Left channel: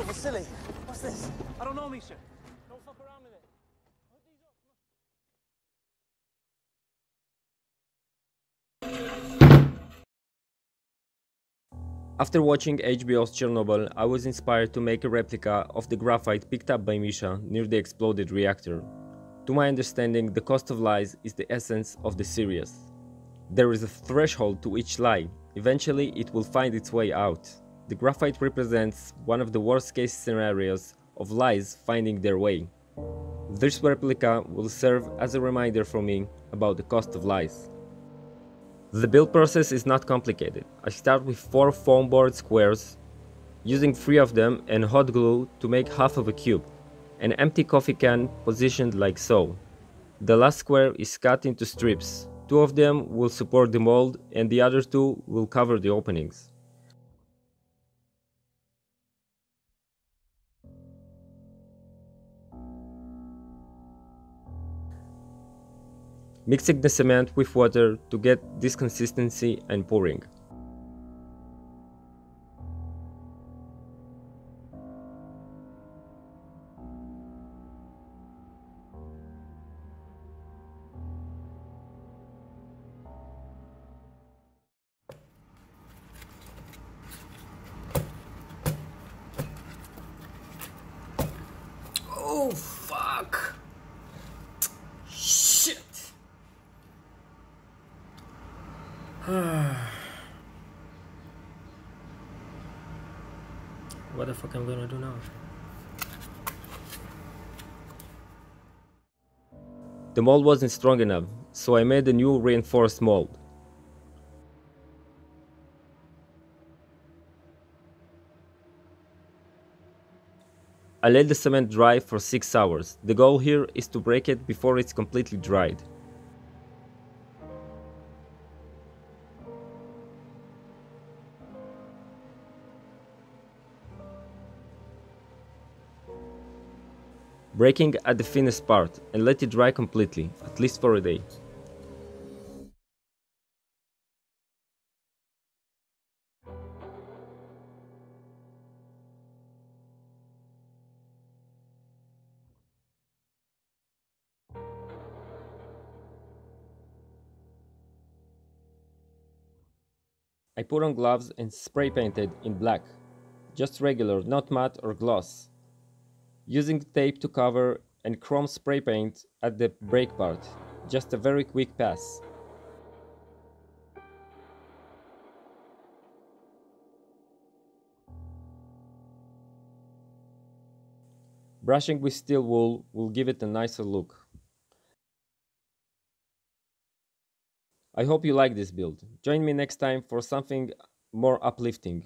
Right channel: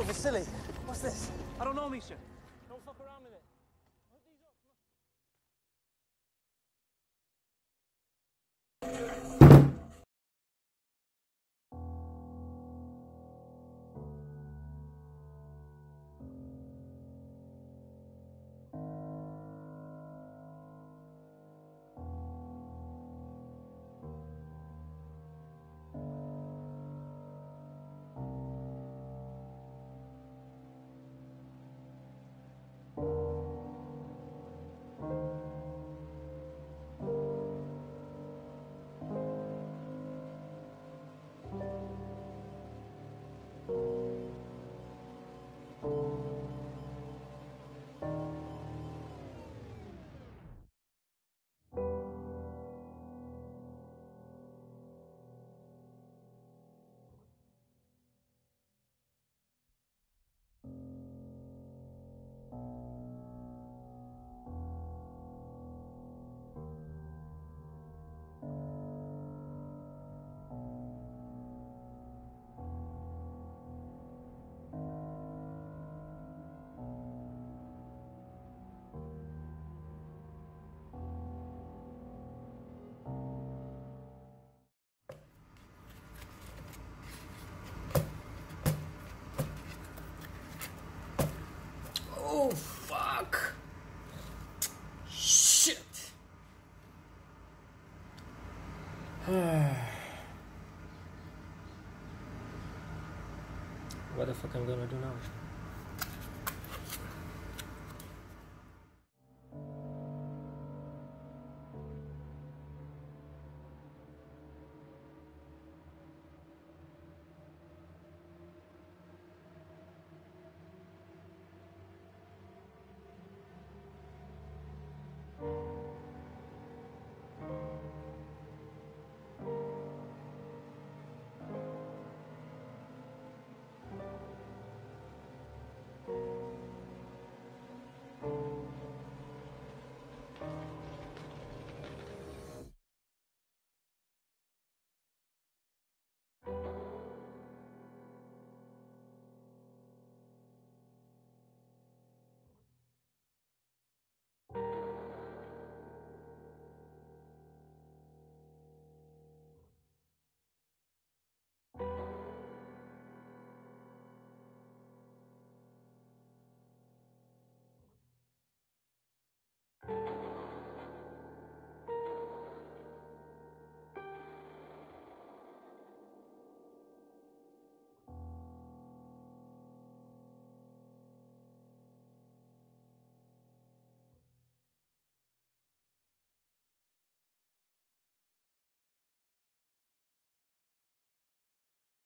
Oh, Vasily, what's this? I don't know, Misha. Don't fuck around with it. After watching HBO's Chernobyl, I was inspired to make a replica of the graphite picked up by Misha near the exploded reactor. To my understanding, the cost of lies is the essence of the series. There is a threshold to each lie. Eventually, it will find its way out. The graphite represents one of the worst-case scenarios of lies finding their way. This replica will serve as a reminder for me about the cost of lies. The build process is not complicated. I start with 4 foam board squares, using 3 of them and hot glue to make half of a cube. An empty coffee can positioned like so. The last square is cut into strips. 2 of them will support the mold and the other 2 will cover the openings. Mixing the cement with water to get this consistency and pouring. Oh, fuck! Shit! What the fuck am I gonna do now? The mold wasn't strong enough, so I made a new reinforced mold. I let the cement dry for 6 hours. The goal here is to break it before it's completely dried. Breaking at the thinnest part and let it dry completely, at least for a day. I put on gloves and spray painted in black, just regular, not matte or gloss, using tape to cover and chrome spray paint at the break part, just a very quick pass. Brushing with steel wool will give it a nicer look. I hope you like this build. Join me next time for something more uplifting.